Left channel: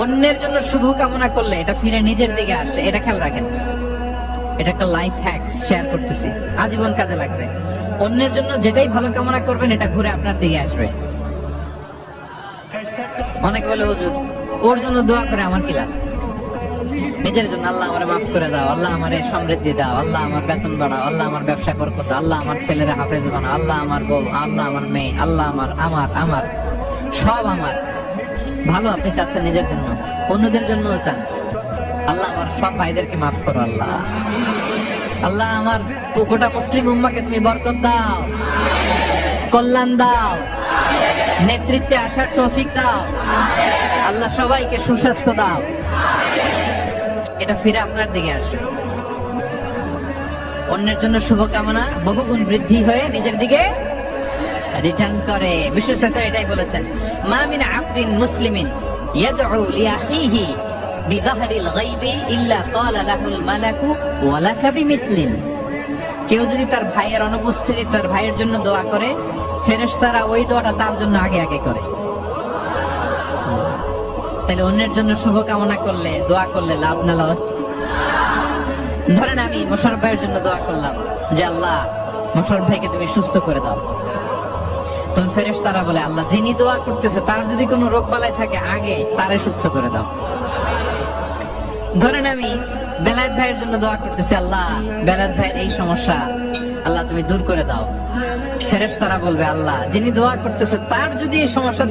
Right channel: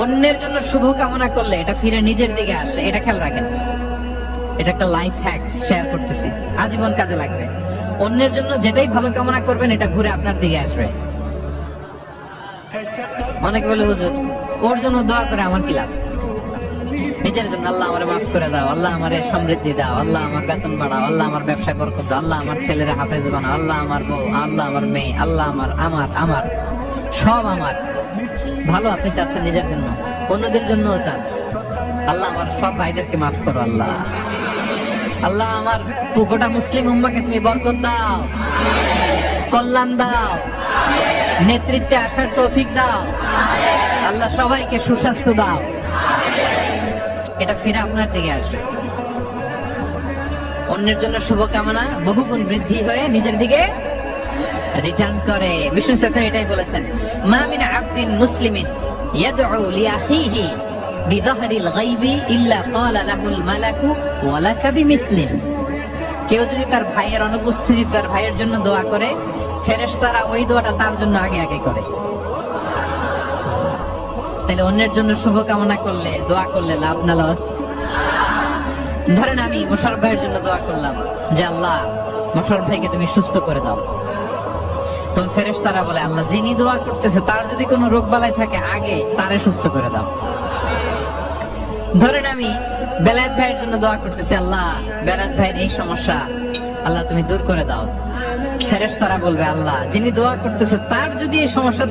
অন্যের জন্য শুভ কামনা করলে এটা ফিরে নিজের দিকে আসে, এটা খেয়াল রাখেন। এটা একটা লাইফ হ্যাকস শেয়ার করতেছি, আজীবন কাজে লাগবে। অন্যের জন্য যেটাই ভালো কামনা করবেন এটা ঘুরে আপনার দিকে আসবে। অনেকে বলে হুজুর ওর জন্য দোয়া করে আমার কি লাভ? নিজের জন্য আল্লাহ আমারে মাফ করে দাও, আল্লাহ আমারে সমৃদ্ধি দাও, আল্লাহ আমার বেতন বাড়াও, আল্লাহ আমার ব্যবসা বরকত দাও, আল্লাহ আমার ছেলেরা হাফেজ বানাও, আল্লাহ আমার বউ, আল্লাহ আমার মেয়ে, আল্লাহ আমার আমার আমার সব আমার ভালো আপনি চাচ্ছেন নিজের জন্য, অন্যদের জন্যও চান। আল্লাহ আমার সব ভাইদেরকে মাফ করো, আল্লাহ আল্লাহ আমার গোটা মুসলিম উম্মাহকে তুমি বরকত দাও, কল্যাণ দাও, নেতৃত্বে আসার তৌফিক দাও, আল্লাহ সবাইকে সুস্বাস্থ্য দাও। এটা ফিরে আপনার দিকে আসবে। অন্যের জন্য শুভকামনা বহুগুণ বৃদ্ধি হয়ে নিজের দিকে রিটার্ন করে। বিষ্ণু সাল্লাল্লাহু এটাই বলেছেন, মা মিন আবদিন মুসলিমিন ইয়াদউ লিআখিহি বিযাহরিল গায়বি ইল্লা ক্বালা লাহুল মালাকু ওয়া লাকা বিমিসলিন। কেউ যদি তার ভাইয়ের অনুপস্থিতি তার ভাইয়ের জন্য দোয়া করে, ফেরেশতারা ওই দোয়াটা তার জন্য আগে আগে করে। তাহলে অন্যের জন্য শুভকামনা করলে, দোয়া করলে লাভ না লস? ধরেন আমি মোশাররফ ভাইয়ের জন্য দোয়া করলাম যে আল্লাহ মোশাররফ ভাইকে তুমি সুস্থ করে দাও, তখন ফেরেশতারা বলে আল্লাহ যিনি দোয়া করতেছে তার যদি কোনো রোগ বালাই থাকে আগে তারে সুস্থ করে দাও। ধরেন আমি বেলায়েত ভাইয়ের জন্য দোয়া করতেছি, আল্লাহ বেলায়েত ভাইয়ের এই সমস্যা আল্লাহ তুমি দূর করে দাও, ফেরেশতারা বলবে আল্লাহ যিনি দোয়া করতেছে তার যদি এই সমস্যা